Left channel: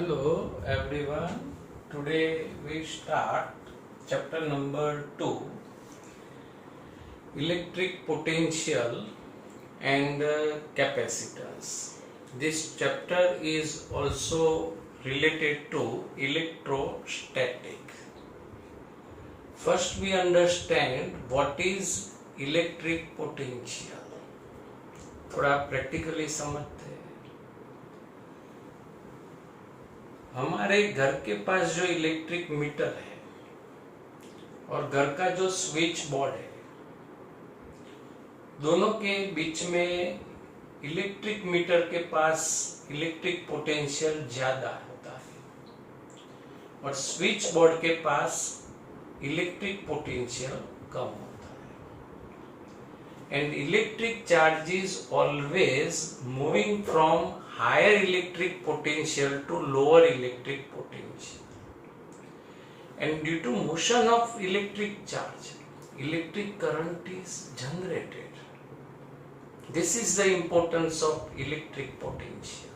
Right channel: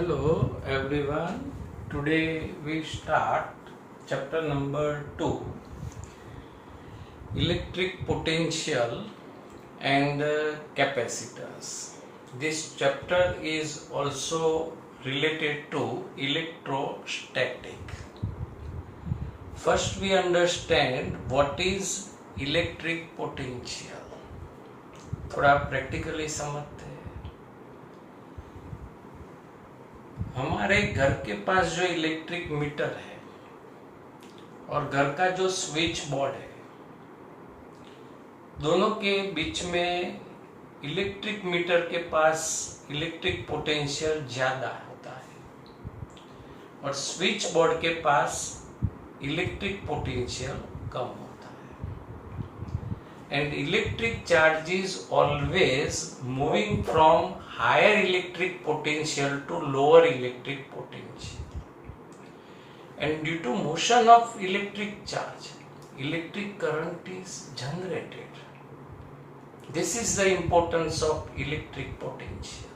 Hello everyone. Today we start chapter number 2, electric potential and capacitance. This chapter is also related to electrostatic. First we understand what is electric potential. थोड़ा practically समझते हैं। हमारे घर के पास जो electric meter है और घर का जो स्विच बोर्ड है, दोनों के बीच में इलेक्ट्रिक मीटर के पास इलेक्ट्रिक पोटेंशियल ज्यादा होता है और स्विच बोर्ड के पास इलेक्ट्रिक पोटेंशियल कम होता है। And electric charge is always moving from higher electric potential to lower electric potential, and due to motion of electric charge, electric current is generated. This is the importance of electric potential.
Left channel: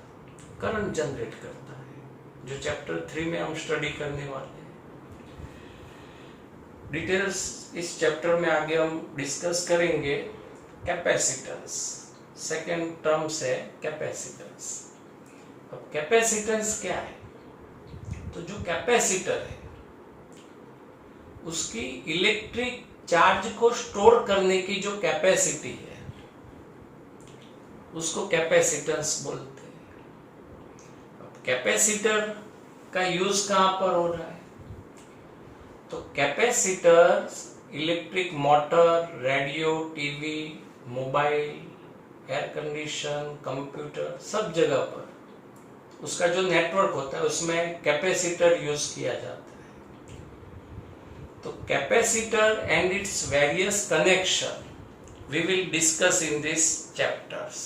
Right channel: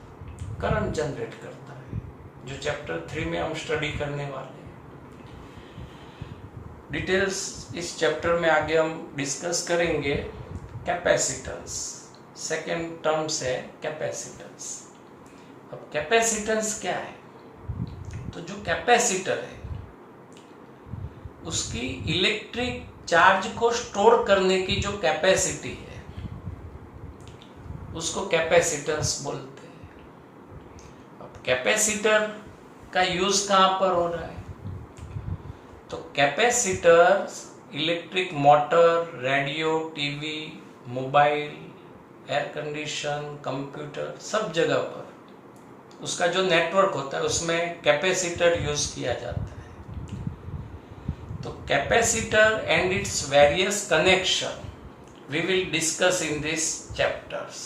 Current generate करता है, जो chapter 3 में हम study करने वाले हैं। Details इस chapter में आगे हम डिस्कस करेंगे। कैपेसिटेंस सेकेंड टर्म्स है कैपेसिटेंस। अब कैपेसिटेंस क्या है? तो जो कैपेसिटर है उसकी इलेक्ट्रिक चार्ज को स्टोर करने की जो कैपेसिटी है उसको कैपेसिटेंस बोलते हैं। अब कैपेसिटर का यूज कहां पर हो रहा है? तो capacitor electric motor, radio, TV, mobile, air condition, computer, सब जगह पर उसका जो नेटवर्क होता है उसमें कैपेसिटर यूज किया जाता है। तो capacitor and its various connection we will discuss in this chapters.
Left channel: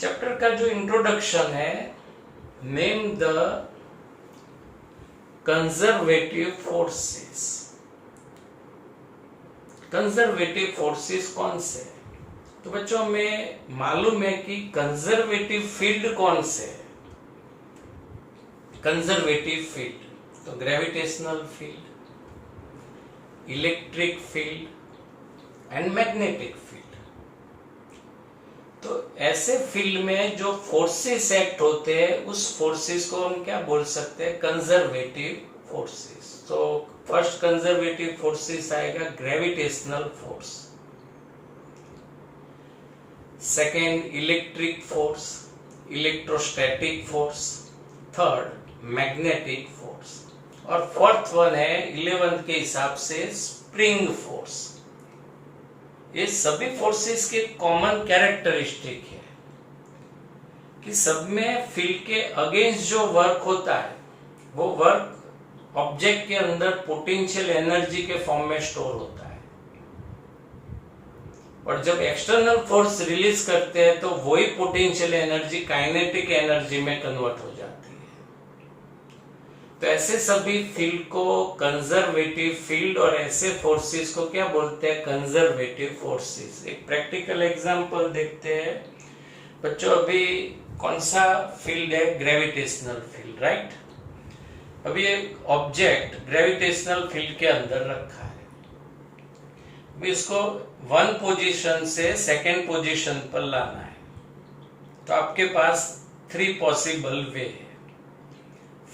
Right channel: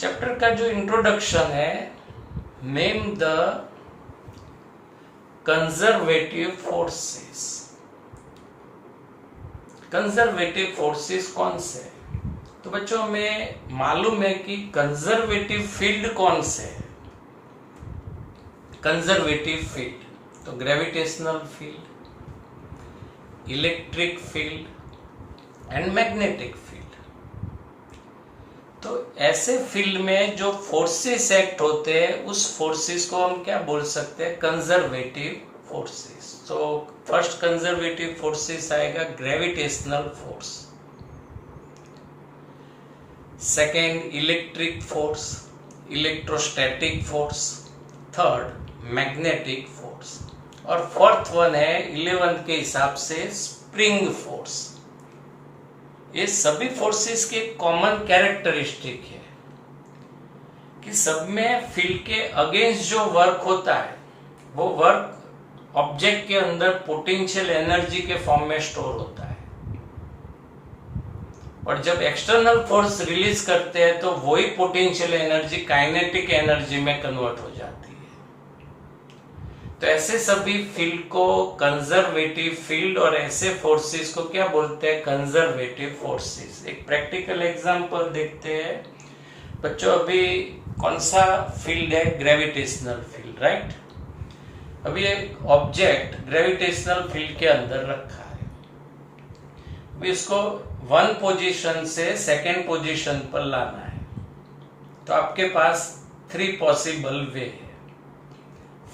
Chapter का जो इंट्रोडक्शन है, name the conservative forces. Conservative forces कौन से? तो बच्चों हमें मालूम है कि कंजर्वेटिव फील्ड कौन से है। कंजर्वेटिव फील्ड तो gravitational field, electric field and magnetic field. तो ऐसे फील्ड में जो फोर्सेस एक्ट होते हैं उस फोर्सेस को हम क्या बोल सकते हैं? Conservative forces. तो फर्स्ट कंजर्वेटिव फोर्सेस आएगा gravitational force, second electric force, electrostatic force, third magnetic force और फोर्थ वन है 11 के हिसाब से स्प्रिंग फोर्स। ये सभी फोर्सेस के कॉमन कैरेक्टरिस्टिक है कि सब में फील्ड के अगेंस्ट जो वर्क होता है वो वर्क ऑब्जेक्ट के अंदर पोटेंशियल एनर्जी के फॉर्म में स्टोर होता है और जब एक्सटर्नल फोर्स रिलीज करते हैं तो वही पोटेंशियल एनर्जी काइनेटिक एनर्जी में कन्वर्ट हो जाती है। तो ऐसे सभी फील्ड को कंजर्वेटिव फील्ड और ऐसे फोर्सेस को क्या बोलते हैं? Conservative forces. एक प्रैक्टिकल एग्जांपल देखते हैं बच्चों। अभी कौन सा फील्ड है? Gravitational field, right. अभी एक ऑब्जेक्ट ग्रेविटेशनल फील्ड के अंदर रखा है, इसको वन पोजीशन से सेकेंड पोजीशन पर लाना है। तो आपके पास 3 पॉसिबल वे है।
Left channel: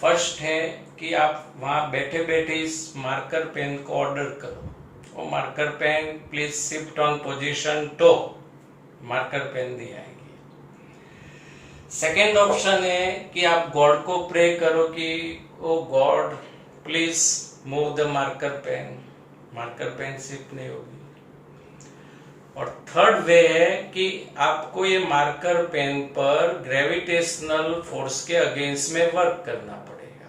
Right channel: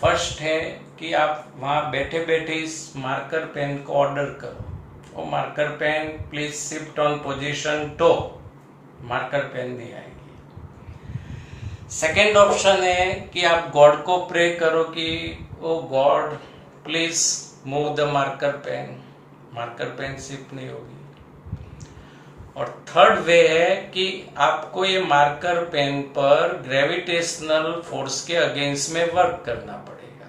फर्स्ट है कि आप वहां बैठे बैठे इस मार्कर पेन को ऑर्डर करो, वो marker pen please shift on position to, marker pen नहीं आएगी। सेकेंड ऑप्शन है कि आप गॉड को प्रे करो कि oh god please move the marker pen, marker pen shift नहीं होगी। और थर्ड वे है कि आपको ये मार्कर पेन पर ग्रेविटेशनल फोर्स के अगेंस्ट में वर्क करना पड़ेगा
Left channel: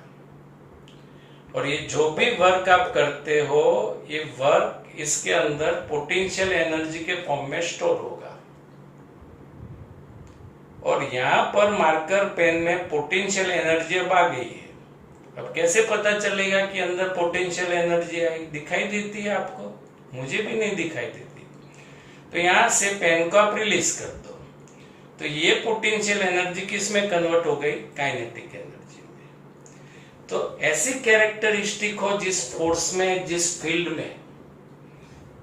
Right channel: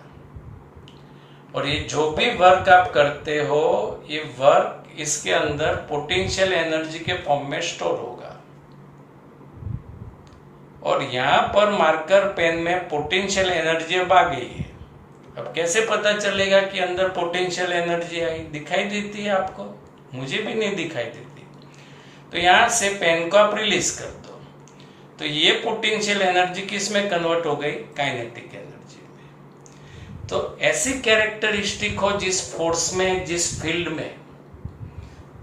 और ये जो भी वर्क आप करते हो ये वर्क इसके अंदर पोटेंशियल एनर्जी के फॉर्म में स्टोर होगा और यहाँ पर मार्कर पेन में पोटेंशियल एनर्जी अब आ गई है। अब कैसे पता चलेगा कि अंदर पोटेंशियल एनर्जी आई? दिखाई देती है आपको? मुझे भी नहीं दिखाई देती। तो यहां से पेन को आप रिलीज कर दो तो ये पोटेंशियल एनर्जी किस में कन्वर्ट हो गई? काइनेटिक एनर्जी में। तो ऐसी कैरेक्टरिस्टिक हो जिस फोर्स में, जिस फील्ड में,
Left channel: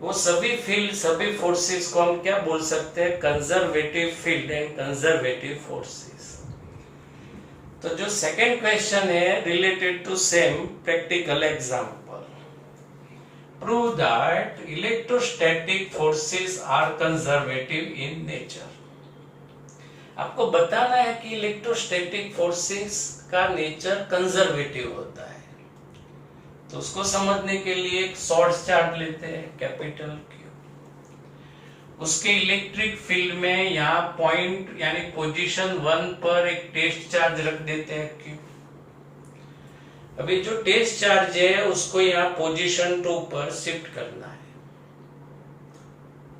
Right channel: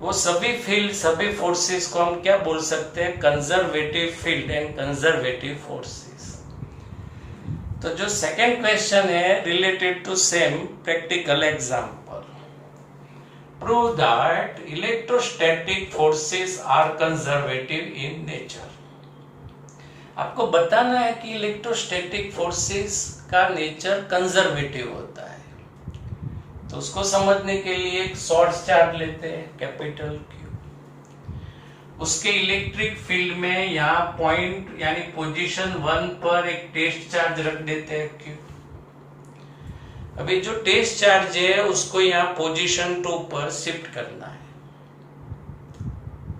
वो सभी फील्ड, सभी फोर्सेस को हम क्या बोल सकते हैं? Conservative field and conservative forces. तो जो सेकेंड क्वेश्चन है related to same practical example, prove that electrostatic forces are conservative in nature. आपको बताना है कि इलेक्ट्रोस्टैटिक फोर्सेस का नेचर कंजर्वेटिव होता है। तो उसको समझने के लिए एक शॉर्ट चार्ज लेते हैं, कैपिटल Q। उसके इलेक्ट्रिक फील्ड में यहाँ पॉइंट यानी पोजीशन 1 पर एक टेस्ट चार्ज रख देते हैं Q। अभी जो टेस्ट चार्ज है उसको यहाँ पोजीशन 2 पर शिफ्ट करना है।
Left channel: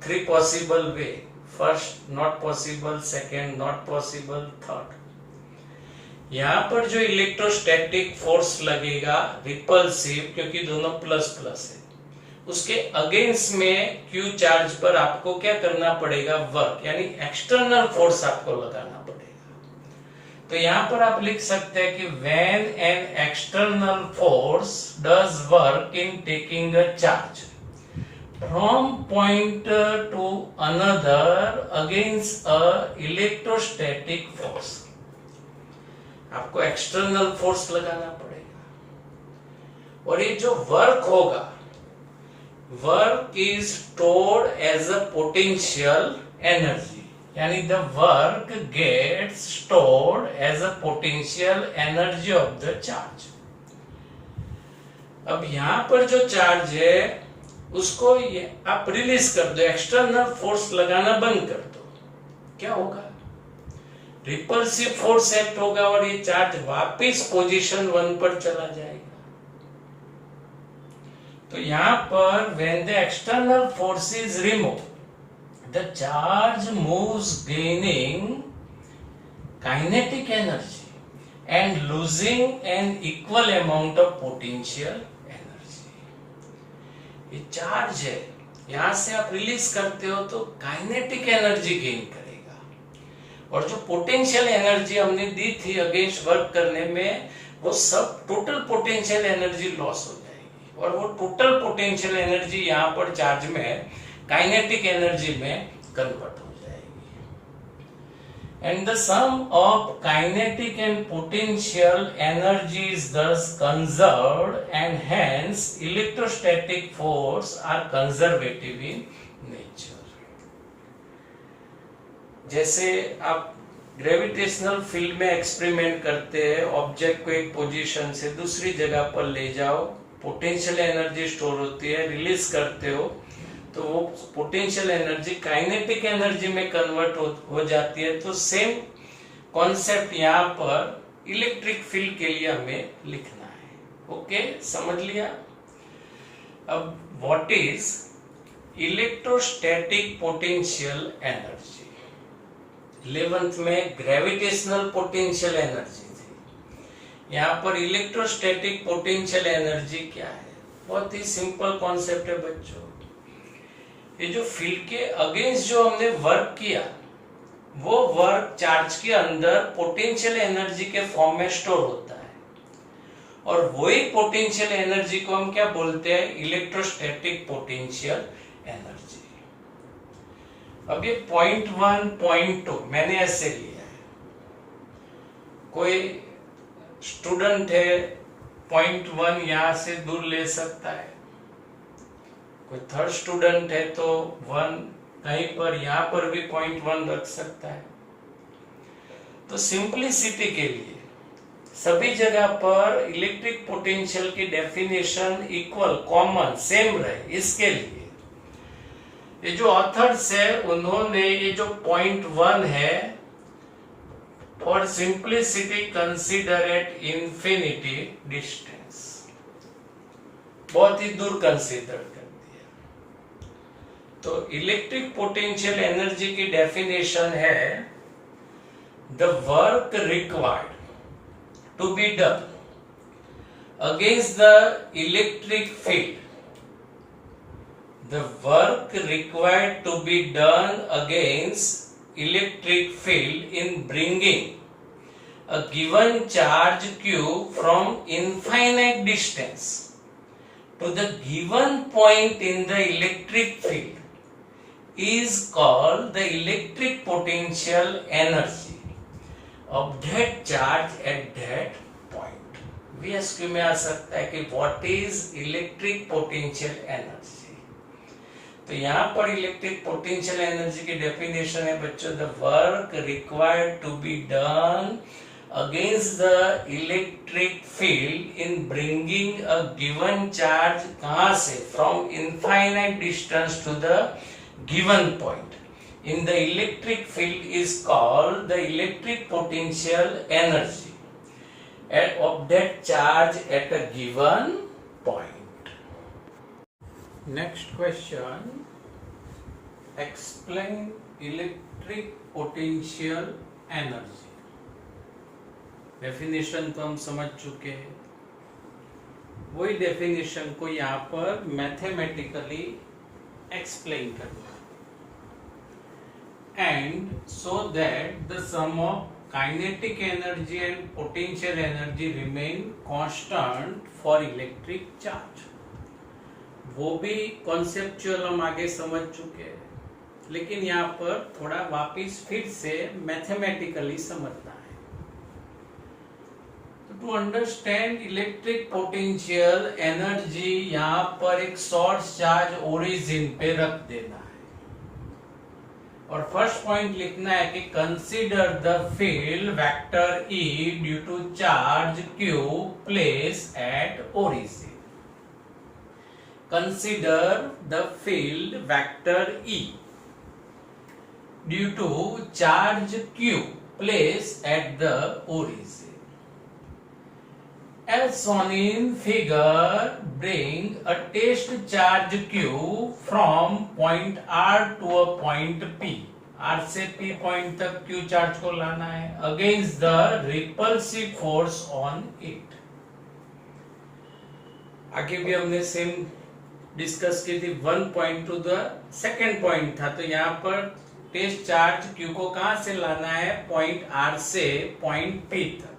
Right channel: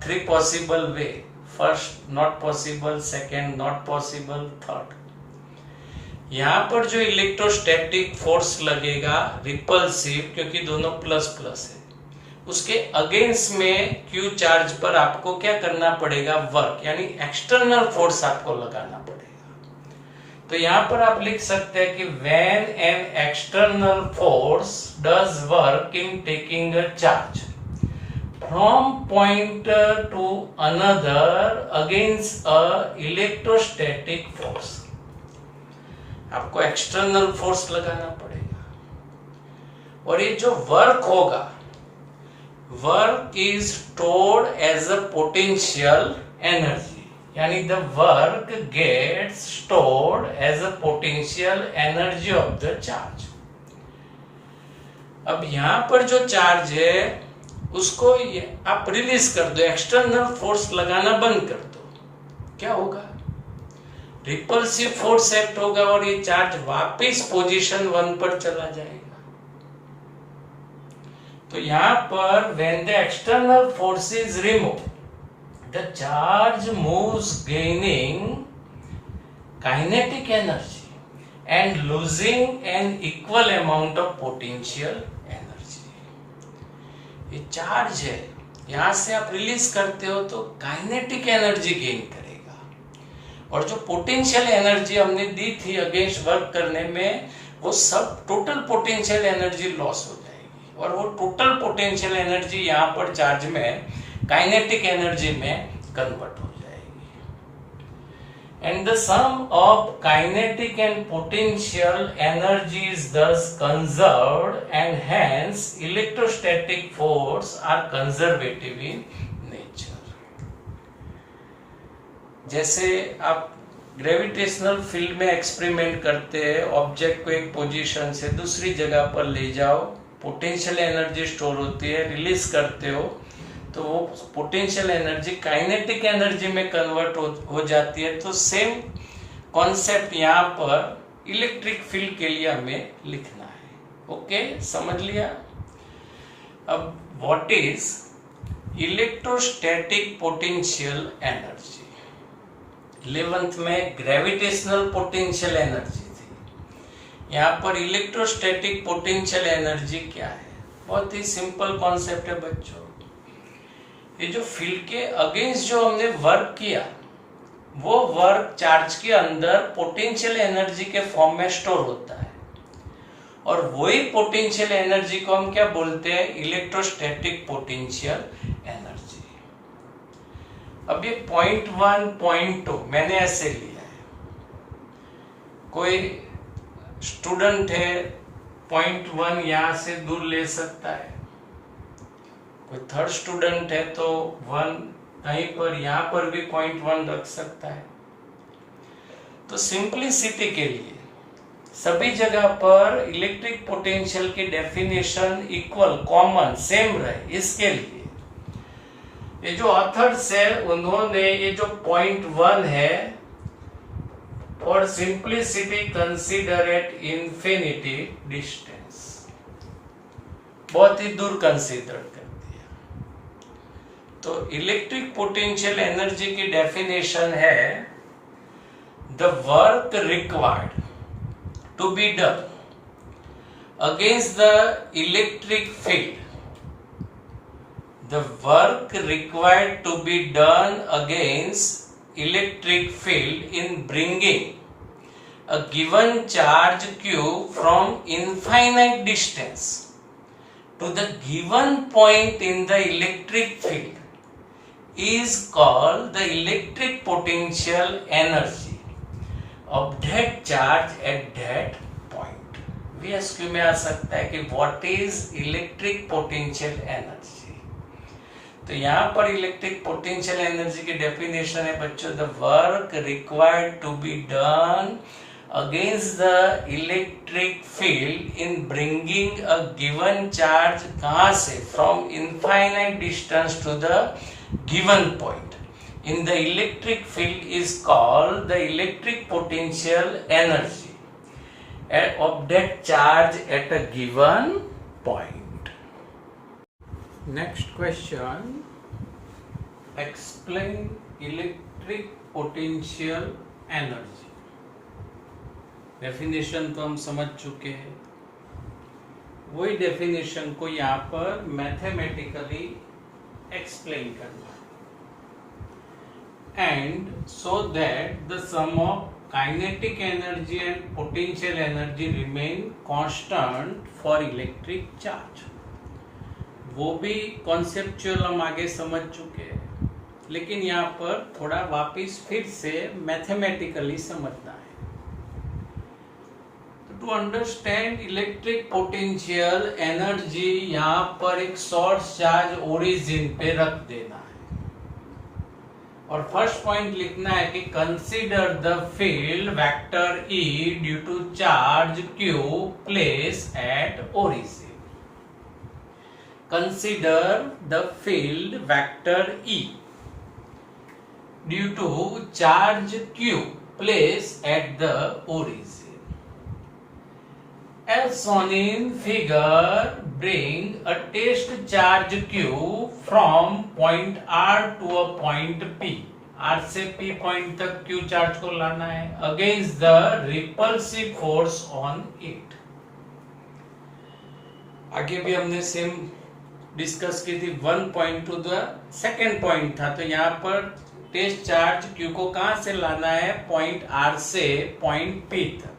3 possible way, first not possible, second not possible, third. यहां पर जो इलेक्ट्रोस्टैटिक फोर्स लगेगा रिपल्सिव, क्योंकि दोनों प्लस प्लस है, उसके अगेंस्ट में Q चार्ज पर आपको क्या करना पड़ेगा? वर्क, यानी एक्सटर्नल फोर्स आपको लगाना पड़ेगा। तो यहां पर आप लिख सकते हैं कि when an external force does work in taking a charge from point to another against a electrostatic force, आपको एक्सटर्नल फोर्स लगाना पड़ेगा। और ये जो वर्क होगा, work is stored as a potential energy, यानी the work gets stored as a potential energy of the charge. अब यहां पर जो चार्ज है उसको आप रिलीज कर दो, एक्सटर्नल फोर्स लगाना बंद कर दो, क्या होगा? रिपल्सिव फोर्स एक्ट होगा और ये चार्ज वापस पोजीशन 1 पर चला जाएगा। तो यहां पर when the external force is remove, the charge moves gaining kinetic energy and losing an equal amount of potential energy. ये चार्ज है, यहां से आप रिलीज करते हो तो काइनेटिक एनर्जी गेन करेगा, और जो पोटेंशियल एनर्जी हमने दी थी अगेंस्ट वर्क करने में, वो सब टोटल पोटेंशियल एनर्जी लॉस हो जाएगी, और वो टोटल पोटेंशियल एनर्जी यहाँ पर चार्ज में काइनेटिक एनर्जी में कन्वर्ट हो जाएगी। And the sum of kinetic and potential energy is thus conserved and hence electrostatic force are conservative in nature. जैसे आप ग्रेविटेशनल फील्ड में एक्सपेरिमेंट करते हैं, ऑब्जेक्ट को एक पोजीशन से दूसरी जगह पर ले जाओ, पोटेंशियल एनर्जी स्टोर होती है, रिलीज करते हो तो वो पोटेंशियल एनर्जी काइनेटिक एनर्जी में कन्वर्ट हो जाती है। तो सेम कॉन्सेप्ट यहाँ पर इलेक्ट्रिक फील्ड के लिए हमें लिखना है। ओके, समझ लिया? अब what is electrostatic potential energy? 11th में ग्रेविटेशनल पोटेंशियल एनर्जी थी, यहाँ पर इलेक्ट्रोस्टैटिक पोटेंशियल एनर्जी क्या है? बहुत ही सिंपल कॉन्सेप्ट है बच्चों। ये जो फील्ड के अगेंस्ट जो हमने वर्क किया, वो वर्क चार्ज के अंदर पोटेंशियल एनर्जी के फॉर्म में स्टोर होता है, और वही पोटेंशियल एनर्जी को हम क्या बोलते हैं? Electrostatic potential energy. अब ये पॉइंट 1, पॉइंट 2 मैंने ऐसे लिया है। कोई स्टूडेंट है, पॉइंट 1 यहां से दूर ले सकता है, कोई थर्ड स्टूडेंट है तो 1 कहीं पर यहां पर भी पॉइंट 1 रख सकता है। तो सिंपलिसिटी के लिए सभी जगह पर इलेक्ट्रिक पोटेंशियल की डेफिनेशन इक्वल, कॉमन, सेम रहे, इसके लिए ये जो ऑथर्स है उन्होंने ये जो पॉइंट 1 है, for simplicity consider at infinity distance, बहुत ही दूर कंसीडर कर दिया। तो इलेक्ट्रिक पोटेंशियल एनर्जी की डेफिनेशन है the work required to be done against the electric field, the work required to be done against electric field in bringing a given charge q from infinite distance to the given point in the electric field is called the electric potential energy of that charge at that point. VSQ में आ सकता है कि what is electric potential energy. तो यहाँ पर electric potential energy की definition है बच्चों, the work required to be done against the electric field in bringing a given charge, कहां से, from infinite distance to the given point in the electric field is called the electric potential energy of that charge at a given point. Next question, explain electric potential energy. Definition तो हम समझ चुके हैं, वही definition को यहाँ पर mathematically explain करना है, and so that the sum of kinetic energy and potential energy remain constant for electric charge. वो भी कॉन्सेप्चुअल हम आगे समझ चुके हैं, लेकिन यहाँ पर थोड़ा वापस फिर से मैथमेटिकली समझना है. To understand electric potential energy, यहाँ पर एक सोर्स चार्ज ओरिजिन पे रख देना है और फर्स्ट पॉइंट लिखना है कि consider the field vector E due to charge Q place at origin. Consider the field vector E due to charge Q placed at the origin. As shown in figure, bring a test charge Q from point R to a point P. R से P point तक Q charge को लाना है against the repulsive force on it. आगे भी हमने same discuss की थी. One point two the second point था, तो यहाँ पर टेस्ट चार्ज Q को कहां से लाना है, पॉइंट R से पॉइंट P तक,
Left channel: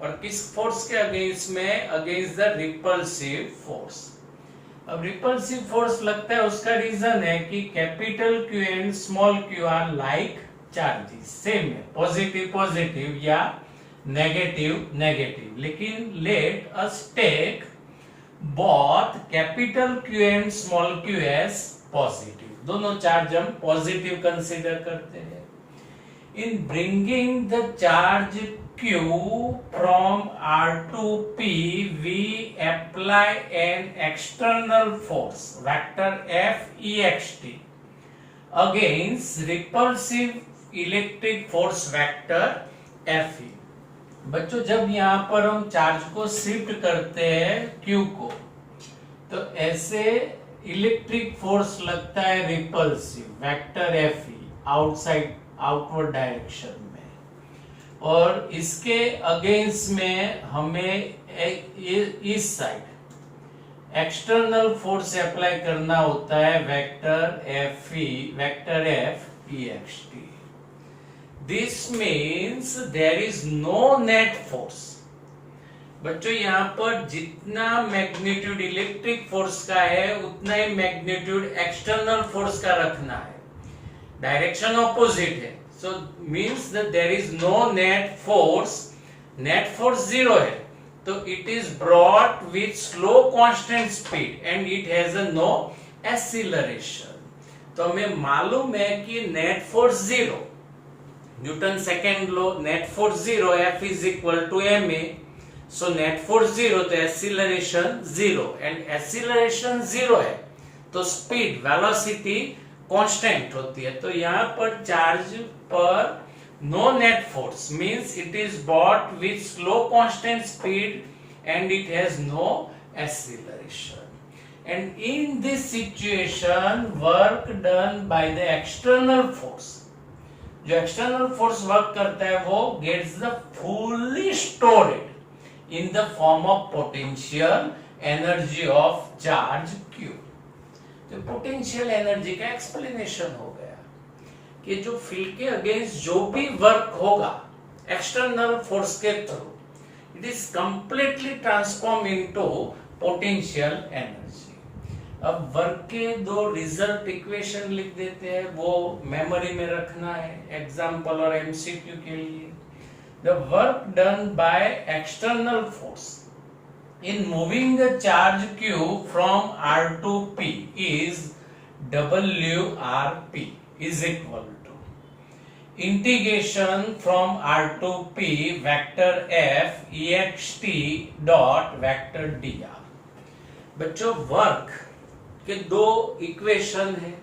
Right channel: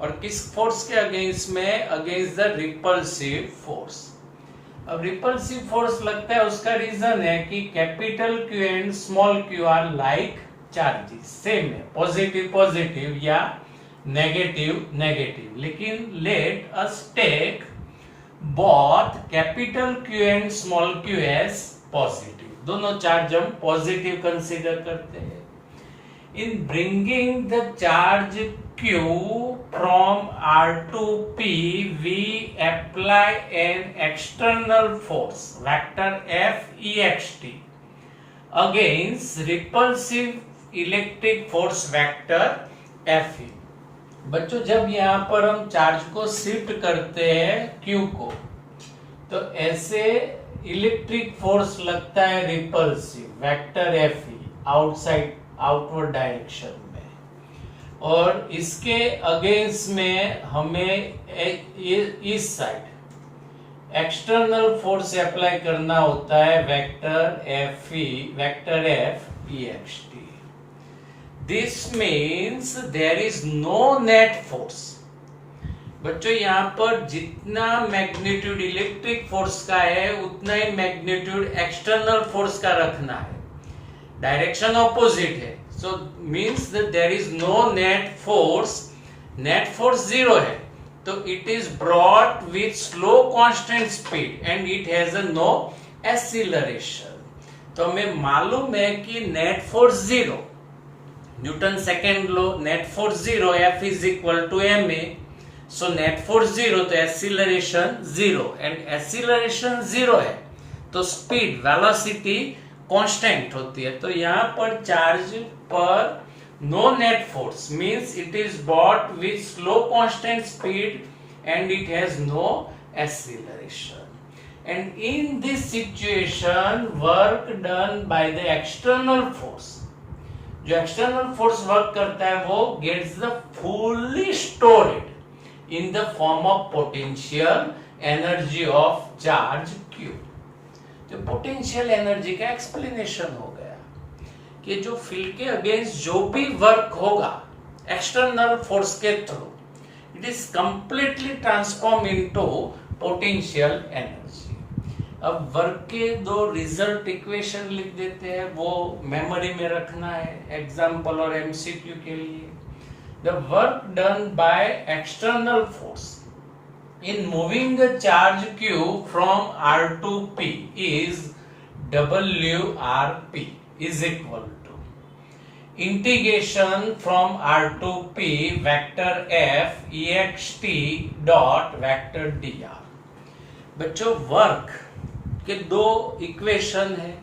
और किस फोर्स के अगेंस्ट में, अगेंस्ट द रिपल्सिव फोर्स. अब रिपल्सिव फोर्स लगता है, उसका रीजन है कि capital Q and small q are like charges, same है, पॉजिटिव पॉजिटिव या नेगेटिव नेगेटिव. लेकिन let us take both capital Q and small q as positive. दोनों चार्ज हम पॉजिटिव कंसीडर करते हैं. In bringing the charge Q from R to P, we apply an external force vector F ext against repulsive electric force vector Fe. बच्चों जब यहाँ पर हम charge को शिफ्ट करते हैं Q को, तो ऐसे इलेक्ट्रिक फोर्स लगता है repulsive vector Fe outside outward direction में, और इसके अगेंस्ट में हमें इस साइड एक्सटर्नल फोर्स अप्लाई करना होता है vector F ext. This means there is no net force. बच्चों यहाँ पर जितना मैग्नीट्यूड इलेक्ट्रिक फोर्स का है उतना ही मैग्नीट्यूड एक्सटर्नल फोर्स का रखना है. डायरेक्शन ऑपोजिट है, so means that there is no net force. Net force zero है, तो it is brought with slow constant speed and it has a no acceleration. तो हमें मालूम है कि net force zero, Newton second law, net force zero, F is equal to ma. So net force zero, तो acceleration zero, and acceleration zero है तो speed velocity constant होती है. तो यहाँ पर चार्ज पर no net force means it is bought with slow constant speed and it has no acceleration. And in this situation work done by the external force, जो external force work करता है वो gets the fully stored in the form of potential energy of charge Q. जो potential energy का explanation हो गया कि जो फील्ड के अगेंस्ट जो भी वर्क होगा एक्सटर्नल फोर्स के through, it is completely transform into potential energy. अब वर्क के दो रिजल्ट इक्वेशन लिख देते हैं, वो मेमोरी में रखना है एग्जाम्पल और एमसीक्यू के लिए। The work done by external force in moving the charge q from R to P is WRP is equal to integration from R to P vector F ext dot vector dr। बच्चों work के दो equation है,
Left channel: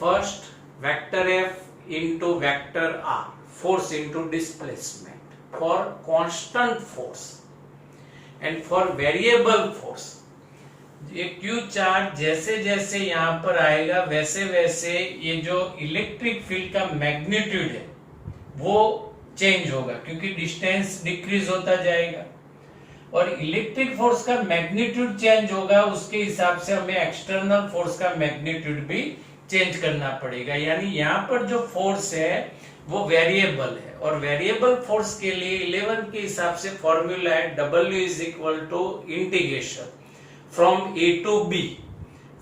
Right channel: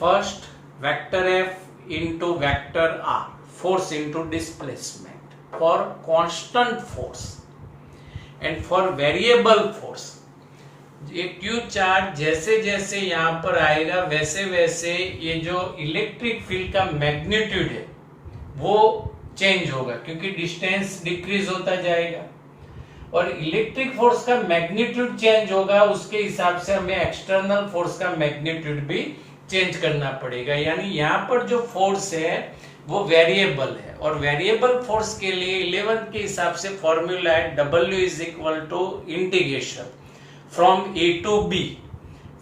first vector F into vector R, force into displacement for constant force and for variable force. ये Q charge जैसे जैसे यहाँ पर आएगा वैसे वैसे ये जो इलेक्ट्रिक फील्ड का मैग्नीट्यूड है वो चेंज होगा, क्योंकि डिस्टेंस डिक्रीज होता जाएगा और इलेक्ट्रिक फोर्स का मैग्नीट्यूड चेंज होगा, उसके हिसाब से हमें एक्सटर्नल फोर्स का मैग्नीट्यूड भी चेंज करना पड़ेगा। यानी यहाँ पर जो फोर्स है वो वेरिएबल है और वेरिएबल फोर्स के लिए 11 के हिसाब से फॉर्मूला है W is equal to integration from A to B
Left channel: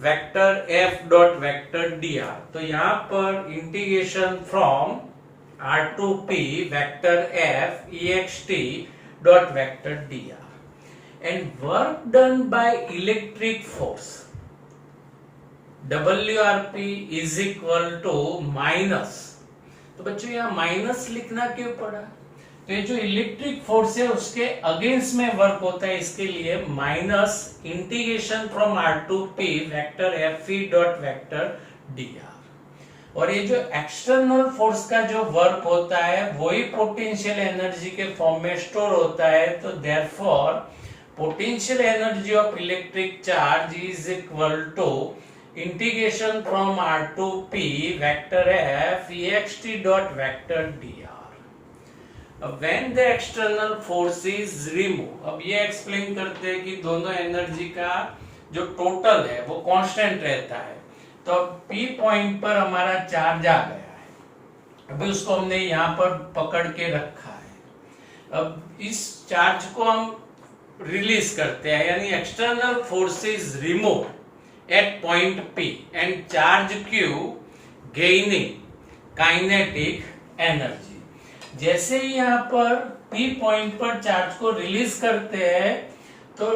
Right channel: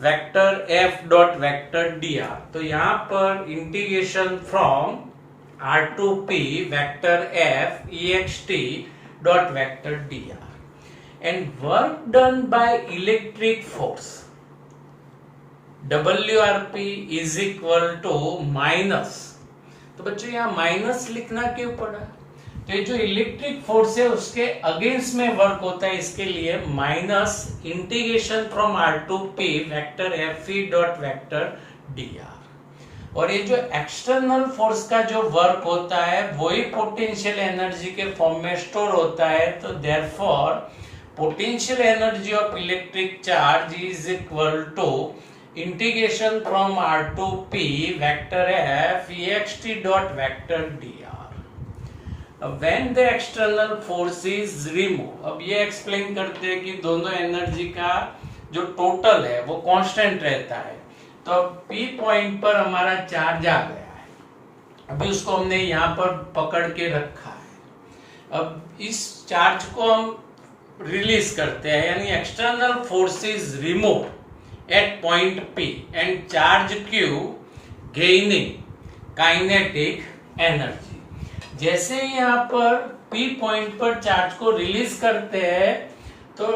vector F dot vector dr। तो यहाँ पर integration from R to P vector F ext dot vector dr and work done by electric force WRP is equal to minus. तो बच्चों यहाँ minus लिखना क्यों पड़ा? तो ये जो इलेक्ट्रिक फोर्स है उसके अगेंस्ट में वर्क होता है, इसके लिए minus integration from R to P vector Fe dot vector dr। और ये जो एक्सटर्नल फोर्स का जो वर्क होता है वही पोटेंशियल एनर्जी के फॉर्म में स्टोर होता है। तो therefore potential energy of electric charge is equal to integration from R to P vector F ext dot vector dr। when the external force is removed, अब ये एक्सप्लेन करते हैं कि दोनों एनर्जी का जो टोटल है वो कांस्टेंट रहता है। तो अब P पॉइंट पर हमारा चार्ज आ गया है, अभी उसको हमने यहाँ पर पकड़ के रखा है। अब इस चार्ज को हम रिलीज करते हैं, यानी external force is remove at point P and charge Q gaining kinetic energy। जैसे ही यहाँ पर P पॉइंट पर चार्ज को रिलीज करते हैं तो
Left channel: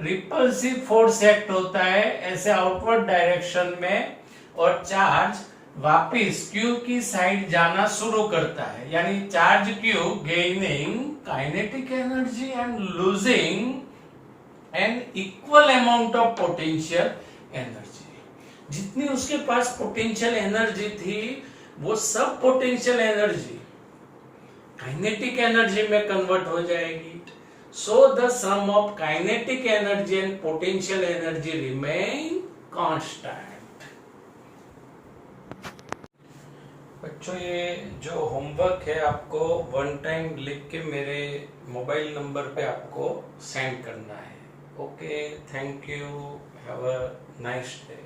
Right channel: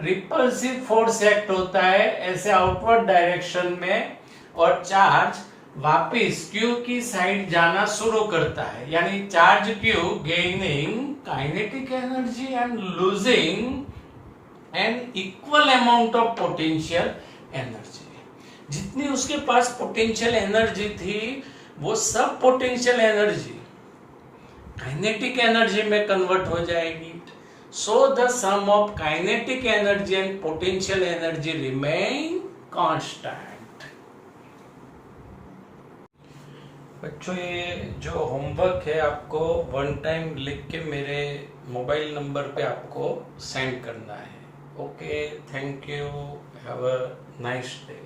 रिपल्सिव फोर्स एक्ट होता है ऐसे आउटवर्ड डायरेक्शन में और चार्ज वापिस Q की साइड जाना शुरू करता है, यानी charge Q gaining kinetic energy and losing an equal amount of potential energy. जितनी उसके पास पोटेंशियल एनर्जी थी वो सब पोटेंशियल एनर्जी काइनेटिक एनर्जी में कन्वर्ट हो जाएगी। So the sum of kinetic energy and potential energy remain constant. बच्चों ये जो होमवर्क है आपको वन टाइम लिख के मेरे मोबाइल नंबर पे आपको सेंड करना है। Okay, thank you. Have a nice day.